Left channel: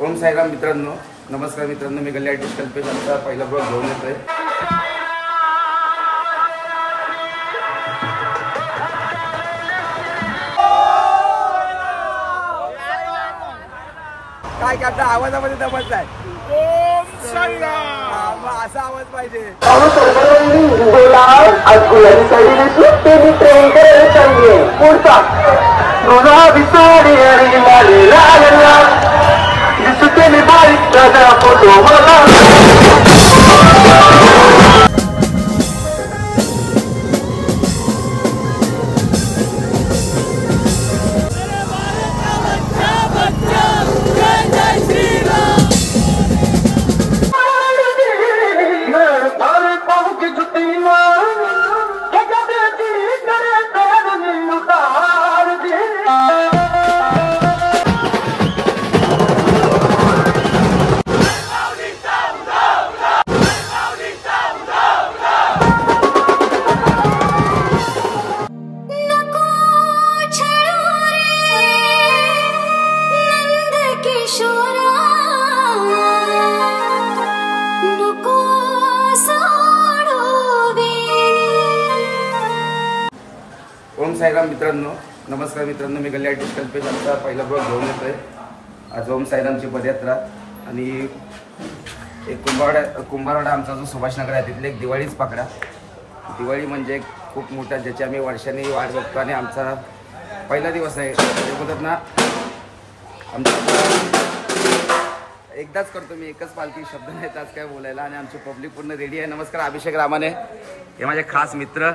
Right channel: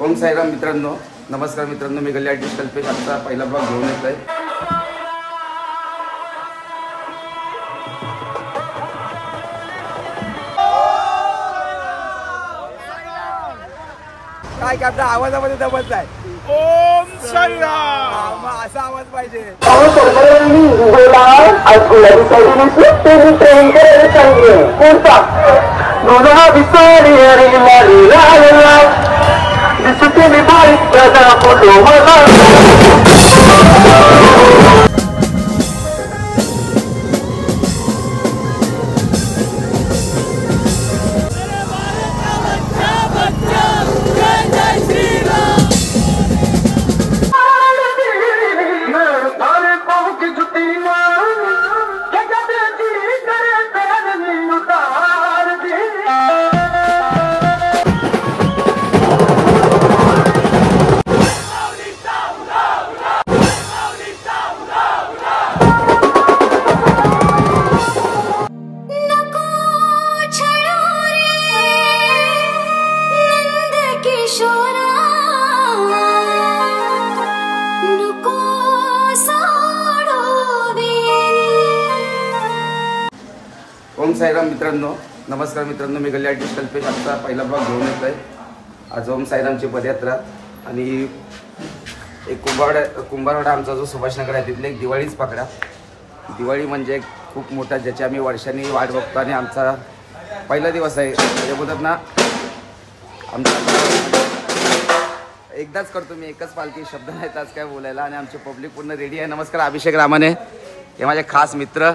ओम साईराम मित्रांनो, नमस्कार मित्रांनो, मी गल्ली आर्टिस्ट कल्पेश आता पहिला ब्लॉग घेऊन येत आहे। काय की आपल्या आवाजामध्ये दमत आहे। ओम साईराम असा आवाज पाहिजे। ओम साईराम मित्रांनो, नमस्कार मित्रांनो, मी गल्ली आर्टिस्ट कल्पेश आता पहिला ब्लॉग घेऊन येत आहे। आज ओम साईरामची पदयात्रा आणि एक कुंभारवाडा आमचा जो सुभाषनगर आहे तिथले एक दिवाळीच पकडा। दिवाळी म्हणजे खूप मोठा, ज्याची आम्ही वर्षांनी वाट बघतो आणि आमचा पहिला दिवस आहे। म्हणजे बोलतात ना, आमचा एकदाच करतो मी, एकच पालखी, शब्द नाहीत आज काय बोलायला। आणि आमची पब्लिक पूर्ण रेडी आहे। नमस्कार अभिषेक रामाने, हे माझे खास मित्र।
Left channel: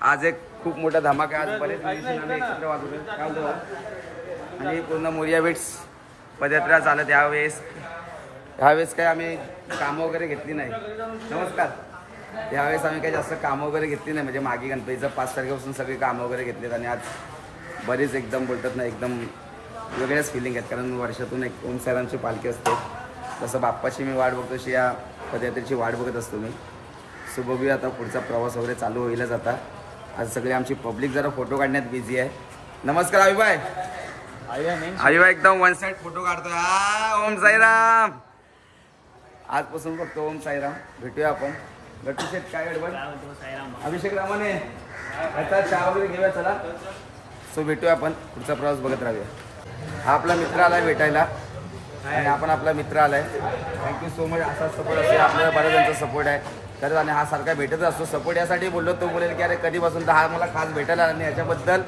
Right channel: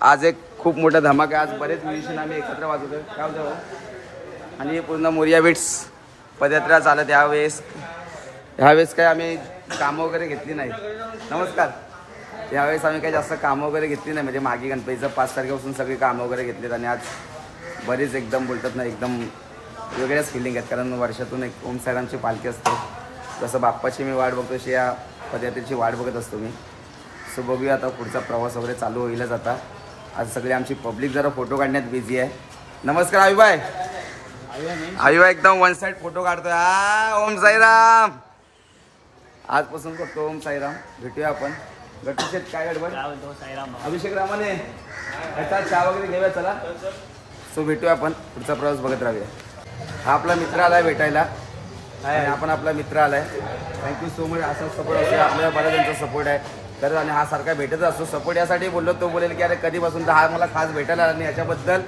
आज एक खूप मोठा धमाका, आज बरेच म्युझिशियन आम्ही एकत्र वाजवतोय, काय होतं। आणि पूर्ण मोरिया बीट्स पदयात्रा चालत। ह्यावेळेस काही आम्ही कामं वगैरे घेतली नाही। नमस्कार, यावेळेस आम्ही काही जास्त कामं वगैरे घेतली नाही, म्हणजे मागे गणपतीचं 5 तारखेपासून सगळी कामं वगैरे घेतलीत। आणि आज बरीच एकदम बोलतात ना, एकदम वेगळ्याच फिलिंग आहेत, कारण वर्षातून एक ओम साईरामची पालखी असते। जसं बाप्पाची मी वाट बघतो अशी या पदयात्रेची वाट बघत असतो मी। सो बघूया आता पुढचा प्रवास वगैरे चालू होईलच आता। आज सगळी आमची पब्लिक जरा फोटो काढण्यात बिझी आहे। नमस्कार आयुबाई, आयुबाई एकदम वन साइड फोटो काढतोय। ओम साईराम, आजपासून फक्त ओम साईराम। भेटूया आपण। गट्टू शेठ, काय गडबड? अभिषेक रामाने याचा चहा वगैरे घेऊया, चला। सो भेटूया आपण, पुढचा प्रवास बघत राहूया। हा आपला मित्र आलाय भेटायला आणि आपण आपला मित्र आलाय। Thank you so much. असा सपोर्ट असेल आपल्याला, बऱ्याच जणांचा सपोर्ट आहे खरंच, आणि हा सारखा भेटत असतो। सपोर्ट यासाठी बोललो, तो बोलेल की अरे कधीपासून तर हा मला खास भेटायला आला, आणि याच्याबद्दल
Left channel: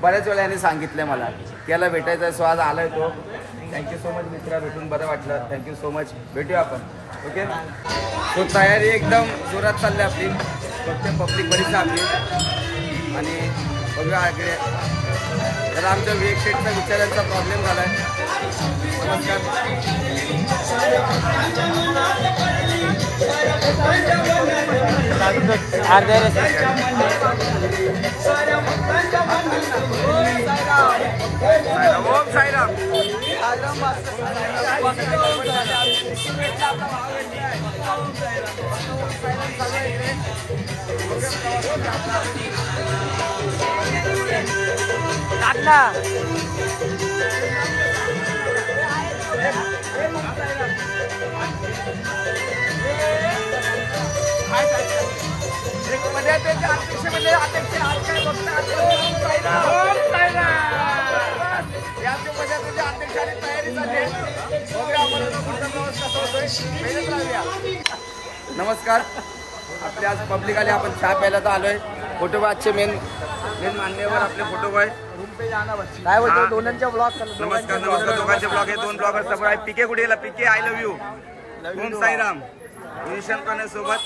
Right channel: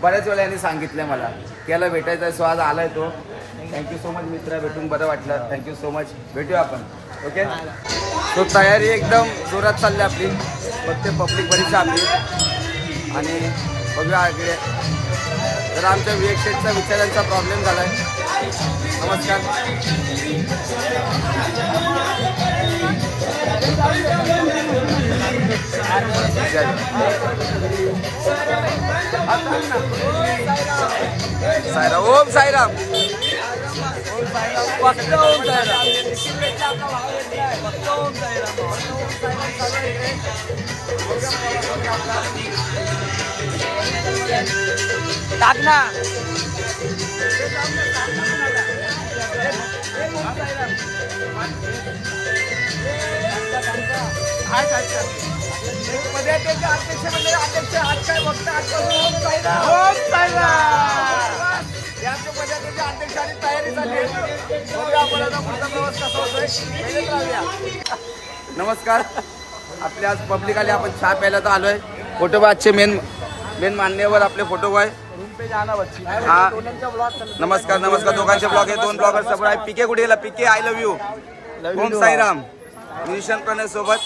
बऱ्याच वेळा यांनी सांगितलं मला की याला भेटायचं आहे। सो आज आलाय तो। थँक्यू सो मच मित्रा, भेटून बरं वाटलं। थँक्यू सो मच, भेटूया आपण, ओके। सो तयारी एकदम जोरात चालली आपली, फक्त पब्लिक बरीच आपली। आणि बघूया इकडे जरा आमच्या विवेक शेठचा विचारांचा प्रॉब्लेम झाला आहे। नमस्कार, साईराम, ओम साईराम। एक पदयात्रेचे अध्यक्ष म्हणजे अध्यक्ष आज काय बघता, आजपासून ओम साईराम, ओम साईराम। याच्या पदयात्रेचे अध्यक्ष आणि तयारी झाली आहे। बघूया आपण आता पुढचा प्रवास कसा होतोय, मेहनत राहूया। नमस्कार, आपले आज पब्लिक आले, आपण चहा प्यायला तर आलोय। फोटोबाजचे मेन मान्यवर आपले फोटोबॉय। नमस्कार नमस्कार, दोघांचे ब्लॉग आहे, 2 ब्लॉगर समोर आहे। पीके कुठे गेला? PK, I love you. Om Sairam musician Pranay सोबत।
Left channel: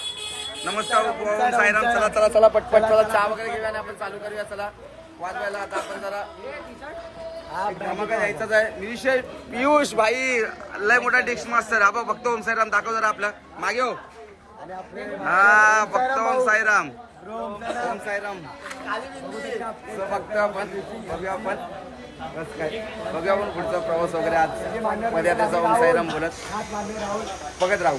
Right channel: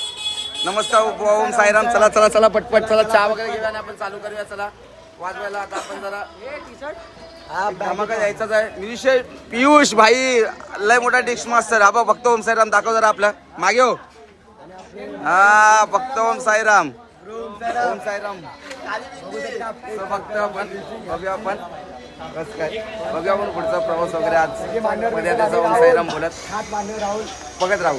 नमस्कार ओम साईराम। चला चला चला पटपट, चला चहा वगैरे घेऊया आणि आपण चालू करूया। चला वाजवायला आता आपण जरा धमाका द्यायचाच आहे। म्युझिशियन पियुष भाई लय मोठा डिश मास्टर। हा फक्त ओम साईराम दाखव जरा आपलं मागे हो। हा फक्त ओम साईराम, ओम साईराम। फक्त आपण बघूया, आपण बस काय बघूया आपण पुढचा प्रवास वगैरे। आज पदयात्रेचा ओम साईराम बोलत बघत राहू।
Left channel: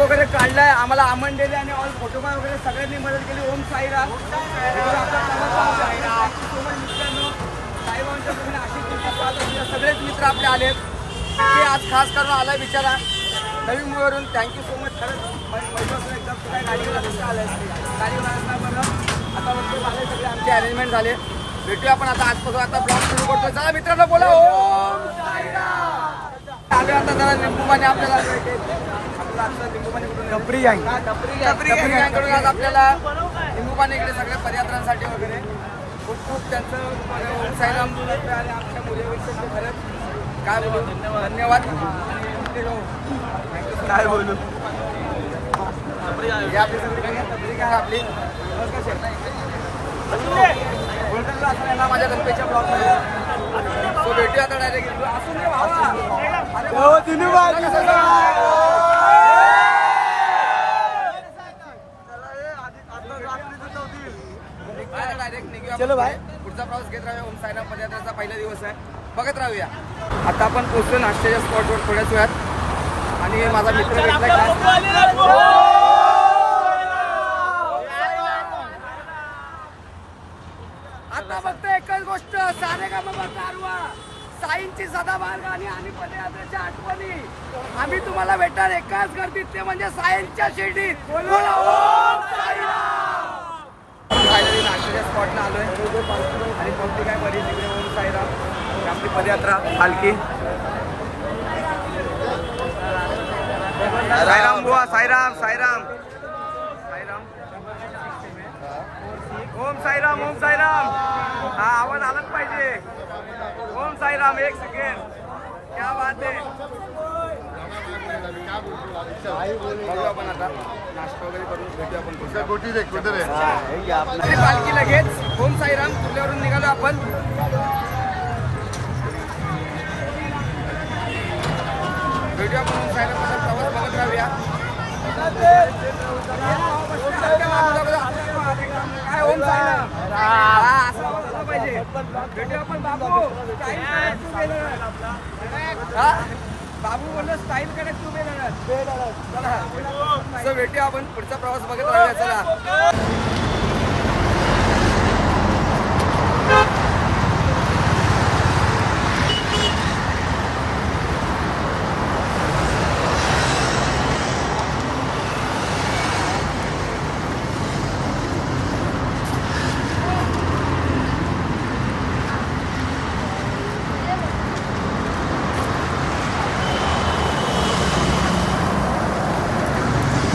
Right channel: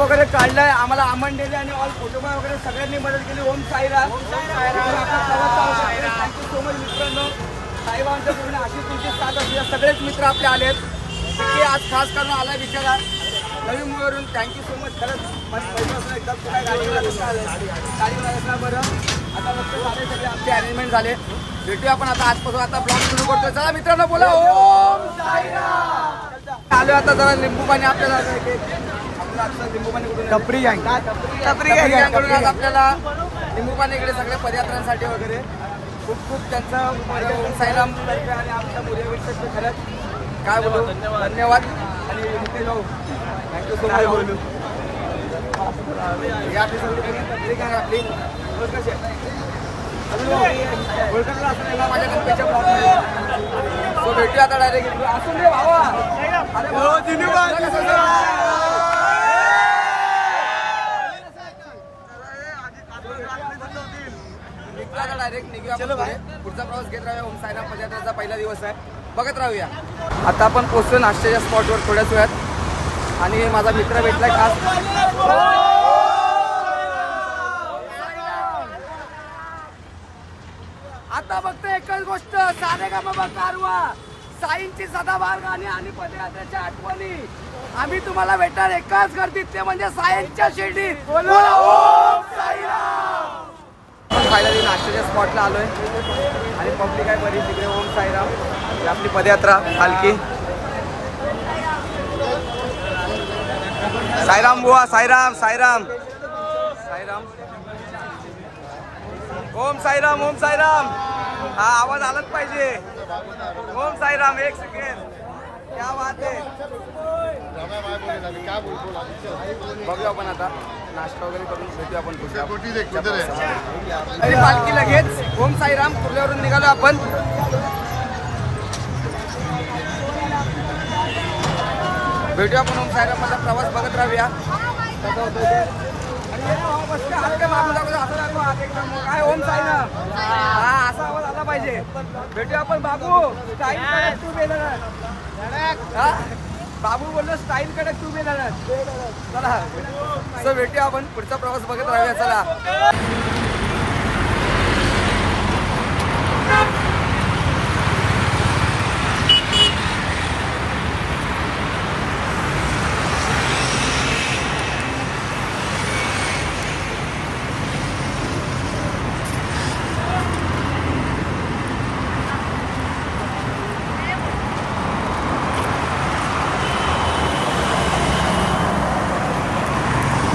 वगैरे काढलाय, आम्हाला आमन दिले आणि ऑल फोटोबाय वगैरे सगळ्यांनी मदत केली. ओम साईराम. आपला प्रवास थँक्यू सो मच मित्रांनो. साईबाबांच्या पूर्ण अशी तुमची साथ असल्या सगळेच मित्र आपले आलेत. ते आज खास करून आलाय बिचारा नवी मुंबईवरून. Thank you so much. खरंच पैसे असं एकदम तू काय गाडीवर कसं आलं गाडीवर असणार. बरं आता मस्त झाले सगळे आमचे अरेंजमेंट झाले. भेटूया आपण आता आजपासून. आता ब्लॉग सुरू करतोय. चला मित्रांनो बोला ओम साईराम. आलो आता जरा लिंबू पाणी आपल्याला आता लिंबू पाणी कुठून टपरी गँगकडून आज आपल्याला लिंबू पाणी इकडे सगळ्या पदयात्रांसाठी वगैरे खूप खूप त्यांचं ओम साईराम आणि आमच्या मुलीपेक्षा खरंच काय बोलू धन्यवाद. आणि मुकेश भाऊ थँक्यू. काय बोलू हे आपली सगळी टपरी गँग आपली कसे ओळखला असं याला माझ्या गणपतीच्या ब्लॉगमध्ये. तो भेटूया आता डायरेक्ट. असून रे भावा. अरे भाऊ डायरेक्ट निघूया पुढचा प्रवास घेत राहूया. ओम साईराम पदयात्रेचा पहिला दिवस आहे. बघत राहूया. आता आपण पोहोचलो नाश्त्याच्या स्पॉटवर थोड्याच वेळात आणि माझा मित्र भेटलाय खास. आता फक्त एकच गोष्ट सारेगामा कारवा साईंची सदाबहार गाणी आणि पदयात्रेच्या आठवणी आम्ही तुम्हाला भेटणार एकाच गर्दीत ते म्हणजे सायन्सच्या शिर्डीत. आपण फायनली नाश्त्याच्या स्पॉटला आलोय आणि पब्लिक आहे बरीच इकडे. ओम साईराम आपली पदयात्रा पालखी. साईराम बुवा. साईराम साईराम साईराम. ओम साईराम ओम साईराम. हा आवाज आलाच पाहिजे. ओम साईराम. एक सेकंड. क्या बात आहे. बघूया आपण आता नाश्ता वगैरे करून भेटूया आपण. पालखी लगेच ओम साईराम कुर्ल्यावरून निघालो आपण. भेटूया आपण ओम साईरामचा प्रवास बघत राहूया. मागून दाखवतो असं दाखव हात एकदम. काय ओम साईराम. हा असा आवाज आला पाहिजे. भेटूया आपण. बाबू स्टाईल कडक तू बेलर. हा बाबू बोललो स्टाईल कडक तू बेलर. चला असं भेटूया आपण. पुढचा प्रवास बघत राहूया. चला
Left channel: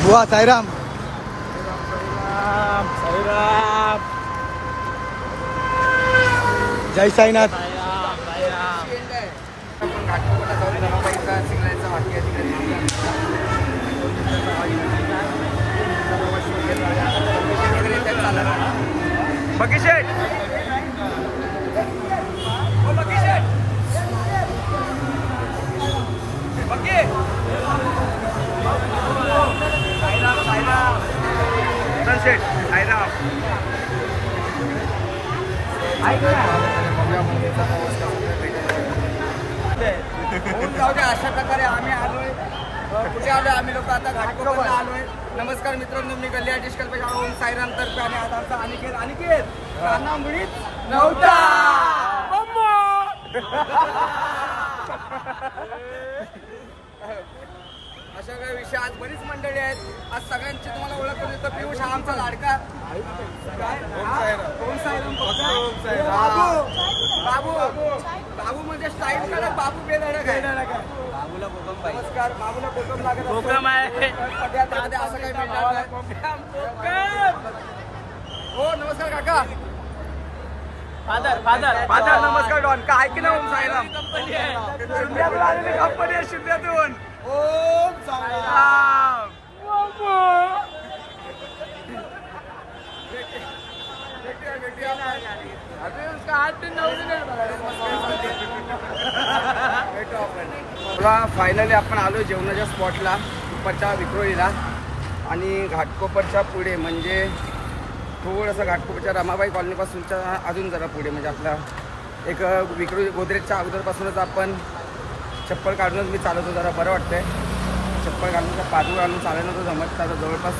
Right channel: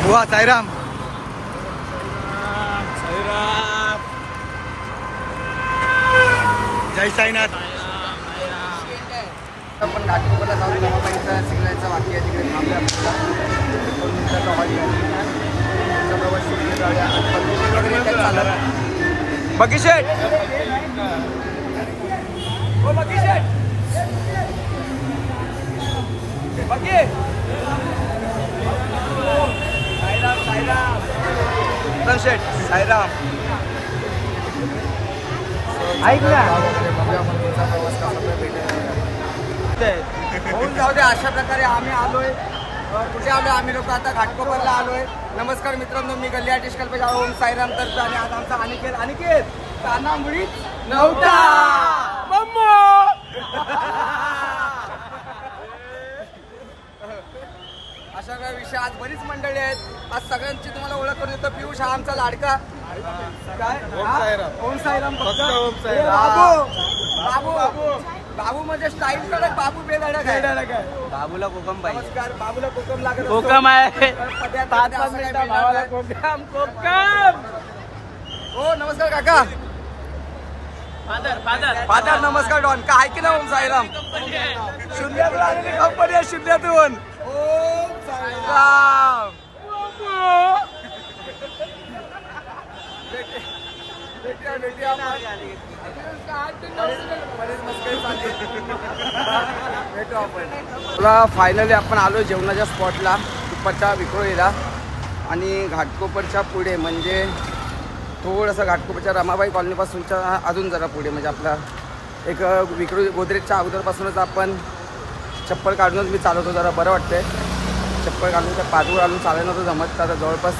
बुवा. साईराम साईराम. जय साईनाथ. आपण घाटकोपरला जाऊन रमाबाईचा सिग्नलचा बाकी आहे तिकडे थांबल्या. 2 मिनिटाचा हॉल प्रवास वगैरे त्यात चालत आहे. बकी शेट बकी शेट बकी साईराम शेट साईराम. बघूया आपण तुमचा प्रवास कसा भेटायला होऊन जाऊ दे. अशा प्रकारे आम्ही आलोय. कुठे आलोय आम्ही लोक आता घाटकोपरला आलोय. नमस्कार मित्रांनो, मी गल्ली आर्टिस्ट कल्पेश ओम साईराम तर्फे आणि आज आमचा अनिकेत काना मुळीच नव्हता. अशा काही विषय आज बरीच मंडळी आहेत. आज सगळ्यांची तुम्हाला ओळख करून देतो. पियुष हा आमचा लाडका. काय ओम साईराम. बाबू बाबू म्हणजे स्टाईल कडक. बाबू बेधडक आहे. बाबूला कोकम. नमस्कार. बाबूला कोकम लागत. कोकम आहे. असं काय मिळणार नाही. हो नमस्कार काका. फादर नमस्कार. डॉन का आहे की ना ओम साईराम. शून्यातून आलेली कंपनी आहे. शून्यातून ओम साईराम. भेटू आपण. फायनली आपण आलो जेवणाच्या स्पॉटला दुपारच्या विक्रोळीला. आणि घाटकोपरच्या पुढे म्हणजे थोडंसं घाटकोपरच्या रमाबाई कॉलनीपासूनच्या अजून जरा पुढे म्हणजे आपला एक विक्रोळी गोदरेजच्या अगोदरपासूनच आपण चप्पल काढूनच मी चालवतो. जरा बरं वाटतंय. चप्पल घालून त्या पादूळ घालून चालायला नव्हतं जमत. आता जवळपास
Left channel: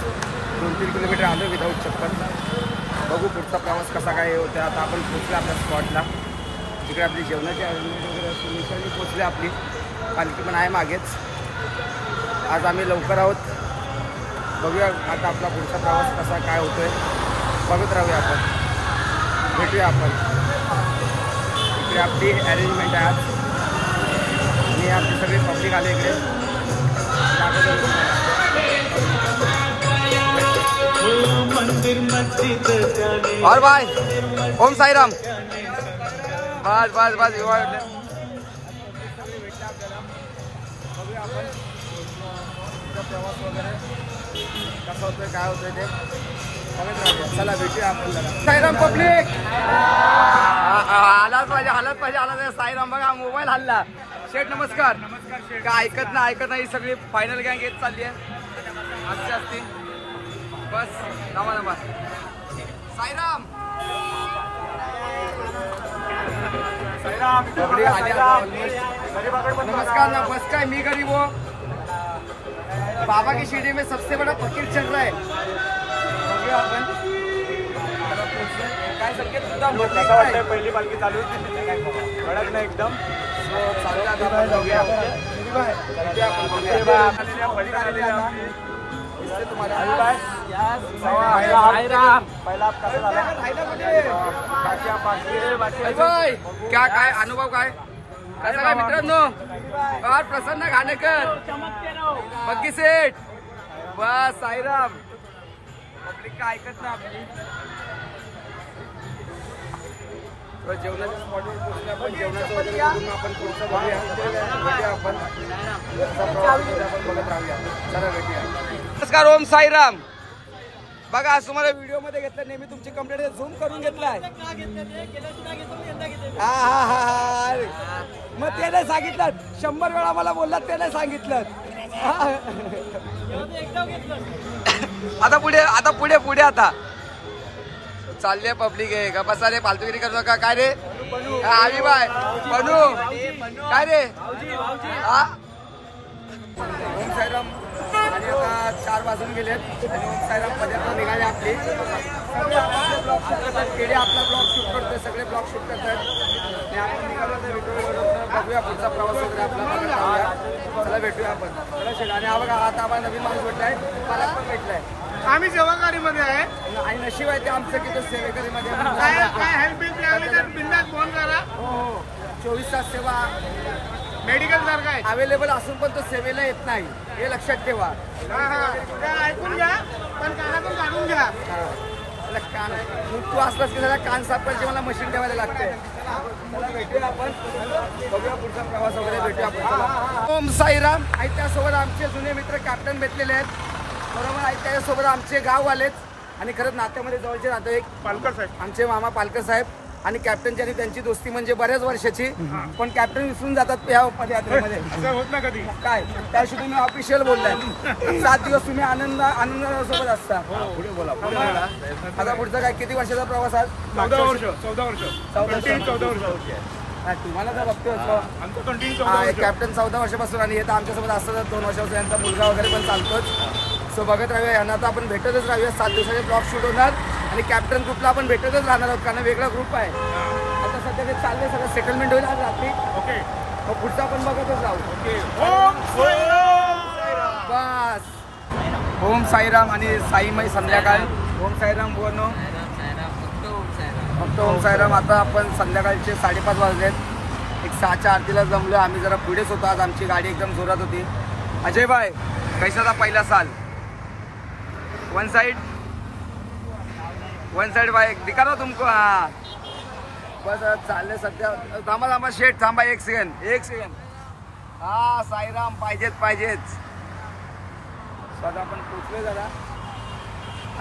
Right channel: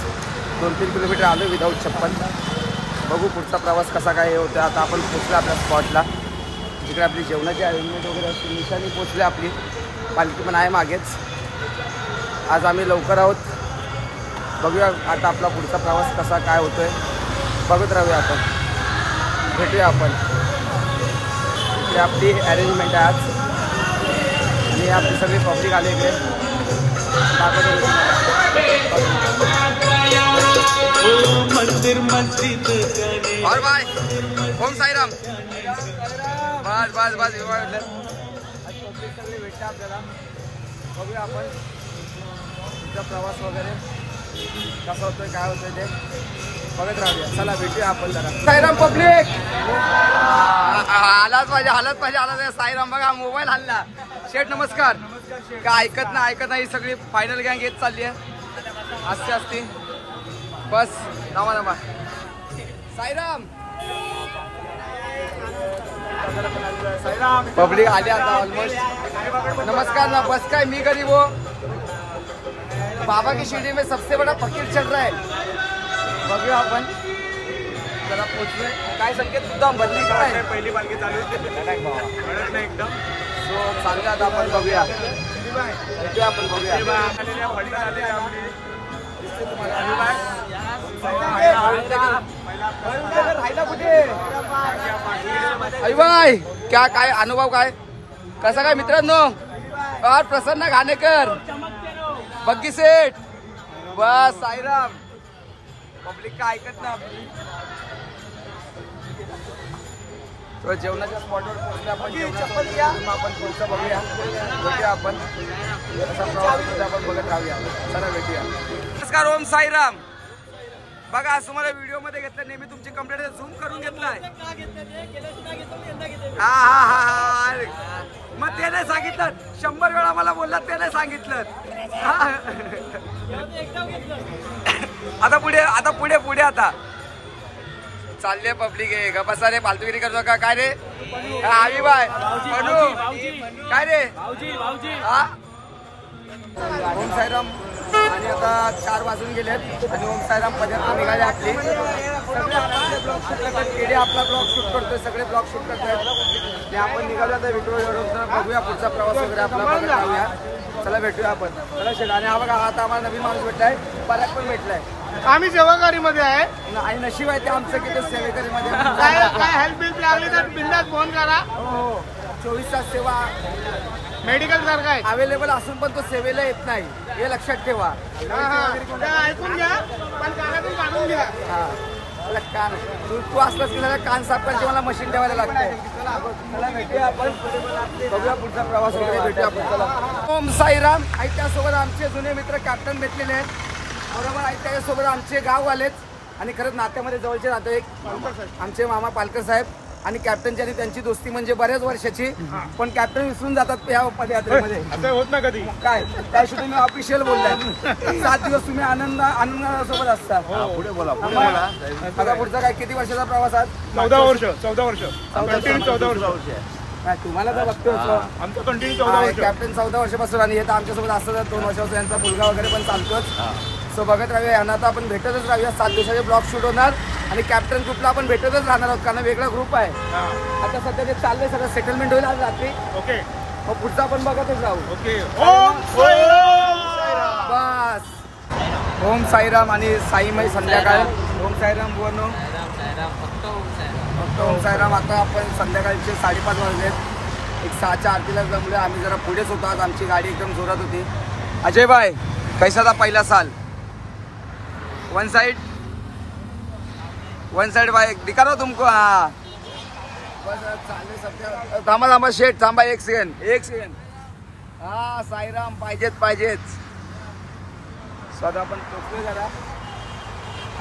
2-3 किलोमीटर आलो विदाऊट चप्पल. बघू पुढचा प्रवास कसा काय होता. आता आपण पोचलो आपल्या स्पॉटला. तिकडे आपली जेवणाची अरेंजमेंट वगैरे असते. निशाणी पोचली आपली. पालखी पण आहे मागेच. आज आम्ही लवकर आहोत. बघूया आता आपला पुढचा प्रवास कसा काय होतोय. बघत राहूया आपण. भेटूया आपण. इकडे आपली अरेंजमेंट आहे आज. आणि आपली सगळी पब्लिक आले इकडे. दाखवतो मी तुम्हाला. और भाई ओम साईराम. बस बस बस सगळे भेटले आपल्याला. बघूया आपण तुमचा प्रवास वगैरे कसा होतोय काय होतोय ते बघत राहूया. चला भेटूया आपण जरा. साईराम पब्लिक आलाच पाहिजे आलाच पाहिजे आला. साईराम बघा मोबाईल हल्ला. शेठ नमस्कार. काय ऐकत नाही सगळी फायनल गँग येत चालली आहे. असते असते बस नमा साईराम. पब्लिक आली आता ऑलमोस्ट. नमस्कार ना. बस काय मी गरीब हो. बाबा की शिरडी में सबसे बड़ा फकीर चल रहा है. बघूया आपण जरा पोचले काय संकेत सुद्धा भरली काय पहिली पालखी चालू घडत नाही एकदम. सो चालू आता आपण बघूया. आपण बघूया तुम्हाला क्या काय अनुभव काय कसा काय मित्रांनो. और प्रसन्न घाणेकर बग्गी सेठ. बस साईराम. पब्लिक काय ऐकत ना आपली. जेवणाच्या स्पॉटवर पोहोचले आपण. जेवणाचं वगैरे आपण पुढचं बघूया. भेटूया आपण. आपण बघत राहूया. चला भेटूया. नमस्कार. ओम साईराम. बघा आज तुम्हाला व्हिडिओ मध्ये घेतलं. नेहमी तुमची कंप्लेंट झूम करून घेतलाय. हा मग ते नाही सांगितलं. 100 वेळा मला बोललात ते नाही सांगितलं. आता पुढे आता चालले पब्लिक आहे का. बसा रे फालतूगिरी करू नका. काय रे आवी बाय बनू काय रे. हा ओम साईराम. आणि आता 4 वाजून गेलेत आणि ओम साईराम पदयात्रा निघाली आपली. सगळे आपले ब्लॉग शूट करतात. केडी आपला ब्लॉग शूट करतोय. सगळे ब्लॉग शूट करतात. आणि आपण निघालो तर व्हिडिओ बघूया. पुढचा प्रवास वगैरे आपला बघत राहूया. चला भेटूया आपण. चला शेट. आणि हा बघा आता आम्हाला नवीन माणूस भेटलाय. बऱ्याच पण भेटलाय. आम्ही सेवागारीमध्ये आहे. आणि नशीब आहे ते आमचं की तो सेवेकरीमध्ये हेल्प बिंदास फोन करा. हो 24 तास सेवा मेडिकल सारखं आहे अवेलेबल असून पण तो सेवेला येत नाही हे लक्षात ठेवा. ऐकून घ्या पण कानातून काढून घ्या. मला कान तू असलास की सगळं कान साफ करायची मला मशीन ठेवायला लागते. चला भेटूया आपण. बघूया पुढचा प्रवास वगैरे भेटूया आपण. चला. ओम साईराम. आणि त्यासोबत आमचे जुने मित्र कॅप्टन भेटलेले आहेत. बरोबर. आणि त्याच्यासोबत आमचे गाववालेच आणि खरंच नात्यामध्ये जवळचे नातेवाईक आमचे मामा पालकर साहेब आणि कॅप्टनची आणि त्यांची दोस्ती म्हणजे बऱ्याच वर्षाची. पण कॅप्टन विसरून जातात या पदयात्रेमध्ये. असं होत ना कधी काय त्याशी तुम्ही ऑफिशियल बोललाय. 7 दिवस तुम्ही आनंदासोबत असता. पुढे बोला. आता पुढचा काय किती वर्षाचा प्रवास आज. 14 वर्ष. 14 वर्ष. तुम्हाला तर बघतोय कॅप्टन 14 वर्षापासून. आणि हे तर आमच्यासोबत असतं 2 वर्षापासून. यांचा मुलगा वगैरे पण चालतोच. सो बघत राहूया. यांना आता आपण भेटतच राहूया. 7 दिवसाचे ब्लॉग शूट होणार. आणि कॅप्टन ग्रुपला आपण भेटतच राहणार आहोत कारण वेगळा ग्रुप आहे. आता सध्या ते चाललंय सगळं सेटलमेंट होईल आज रात्री. ओके. मग पुढचा आपण बघतच राहू. बस. ओम साईराम आणि साईमय संध्याकाळ. ओम साईराम बोनो. फक्त ओम साईराम. आता आपण संध्याकाळचे 5:30 वाजलेत. एक 6च्या आरतीला जमलो. आम्ही जरा पुढेच होतो आज. आमची गाडी एकदम जोरात होती. अजय भाई कैसा था पहिला साल. वन साइड भाई दिखा रहा तुमको. हाँ बस चालले सध्या. थांबा शेट थांबा. एक सेकंड. हा साईराम पाहिजेच. सध्या आपण पोचलोय. जरा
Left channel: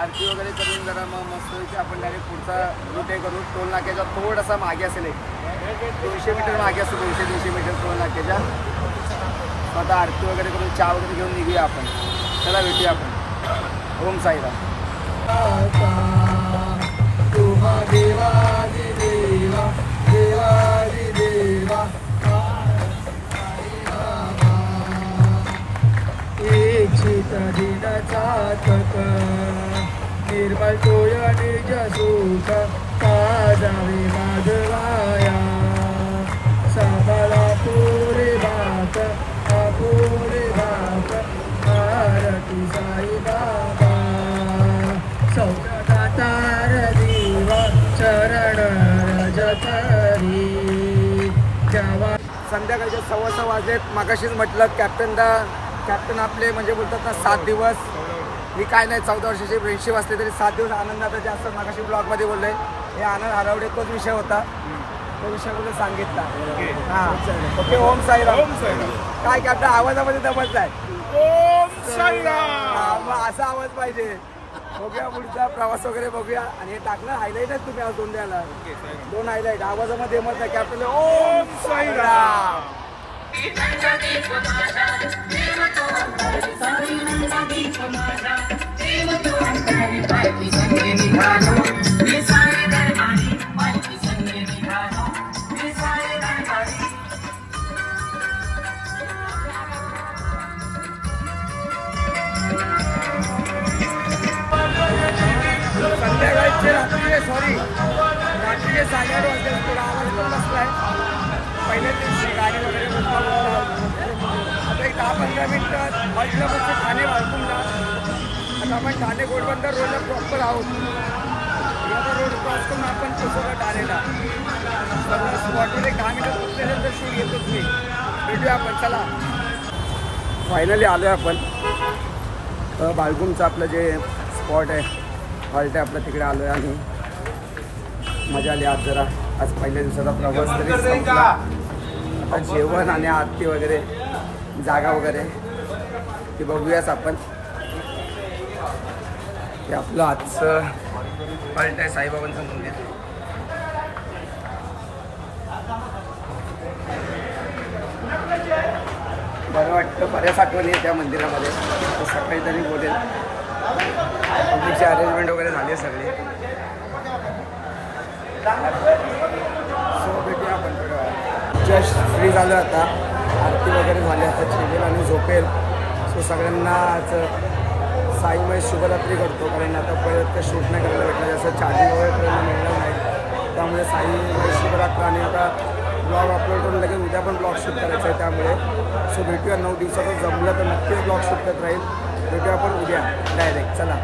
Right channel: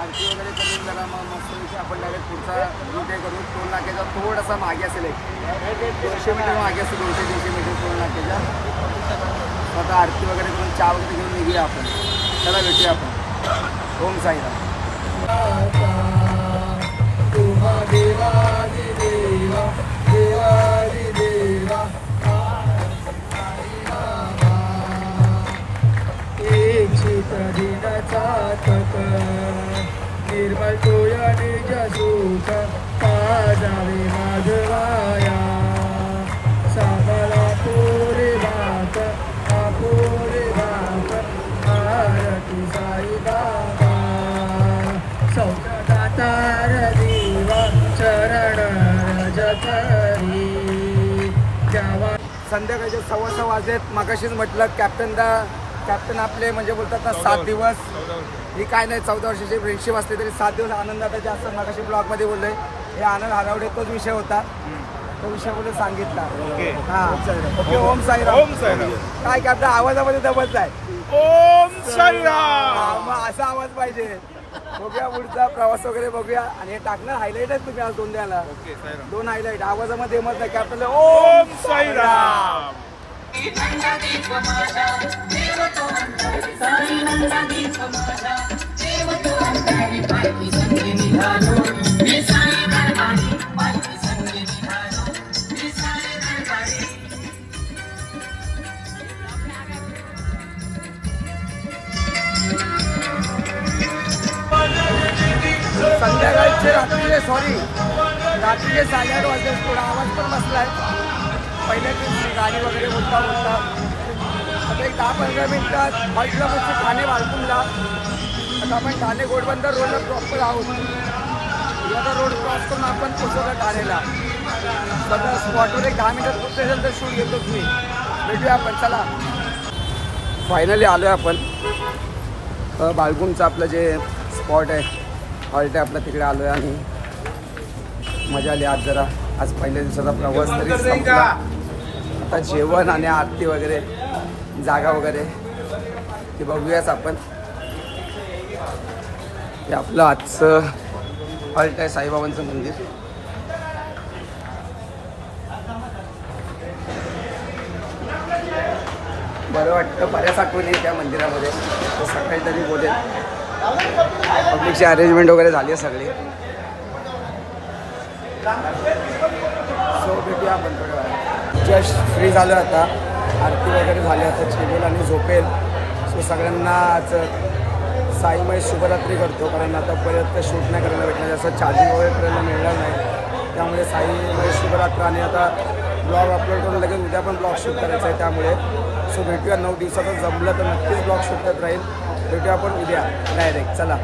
आरती वगैरे करून जरा मग मस्त आपण डायरेक्ट पुढचा रूट हे करू. टोल नाक्याचा थोडासा मागे असेल. 200 मीटर मागे असेल. 200-300 मीटर टोल नाक्याच्या. आता आरती वगैरे करून चहा वगैरे घेऊन निघूया आपण. चला भेटूया आपण. ओम साईराम. देवा नित दिन चातक निर्मल तोय निज सुख पाजावे माधवाया सबला पुरी भात अपुरी भात आरती साई बाबा सौदातार दिवा चरण रजतरी द्यावा. संध्याकाळचे 6:15 वाजलेत. मागाशीच म्हटलं कॅप्टन आपले म्हणजे बोलतात ना 7 दिवस ही काय नाही 14 वर्षाची फ्रेंडशिप असली तरी 7 दिवस आनंदात जास्त. मागाशी ब्लॉगमध्ये बोललोय हे आनंद हरवडे तोच विषय होता. तो विषय बोलून सांगितला. हा ओके. ओम साईराम. काय कॅप्टन आवाजामध्ये दबत आहे. ओम साईराम. मग असा आवाज पाहिजे. बघूया पुढचा प्रवास वगैरे बघूया. आणि हे टाकणार हायलाईट आहे तुम्ही आज 2 द्यायला 2 हायलाईट आवाजामध्ये मत नाही कॅप्टन. ओम साईराम. संध्याकाळचे रात्रीचे 8:30 वाजले. थोडा आवाज पण बसलाय. पहिले ते गाडी वगैरे बोलता आता एक 10-15 मिनिटात हॉल्टला बसतो ठाणे बाळकुंडला. आता आपण ठाणे घोडबंदर रोडला प्रॉपर आहोत. आता रोड क्रॉस करून आपण पोचवला ठाणेला. स्वतः स्पॉटवर एक 10 मिनिटात पोचले असेल तर शूट घेतोच मी. भेटूया आपण. चला फायनली आलो आहे आपण बाळकुंडचं आपलं जे स्पॉट आहे हॉल्ट आहे आपलं तिकडे आलो आहे. आणि मजा आली आज जरा. आज पहिल्या दिवसाचा प्रवास तरी संपला. आता जेवण आणि आरती वगैरे जागा वगैरे ते बघूयाच आपण. हे आपलं आजचं हॉल्ट आहे साईबाबांचं मंदिर. बरं वाटतं. बऱ्याच आठवणी त्या मंदिरामध्ये. तो सकाळी तरी बोलेल. पब्लिकची अरेंजमेंट वगैरे झाली आहे सगळी. सो भेटूया आपण थोड्या वेळात. जस्ट फ्री झालो आता. आरती वगैरे झाली. आता चिरेल आणि झोपेल. सो सगळ्यांना आज साईमय शुभरात्री करतो. कारण आता परत शूट नाही करायला भेटलं. जास्त चार्जिंग वगैरे करायला मिळणार नाही. त्यामुळे साईमय शुभरात्र. आणि आता ब्लॉग अपलोड करून लगेच उद्या पण ब्लॉग शूट करायचा आहे. त्यामुळे सो भेटूया 9 दिवसाचं जमलं तर नक्कीच ब्लॉग शूट करत राहील. भेटूया आपण उद्या डायरेक्ट. चला.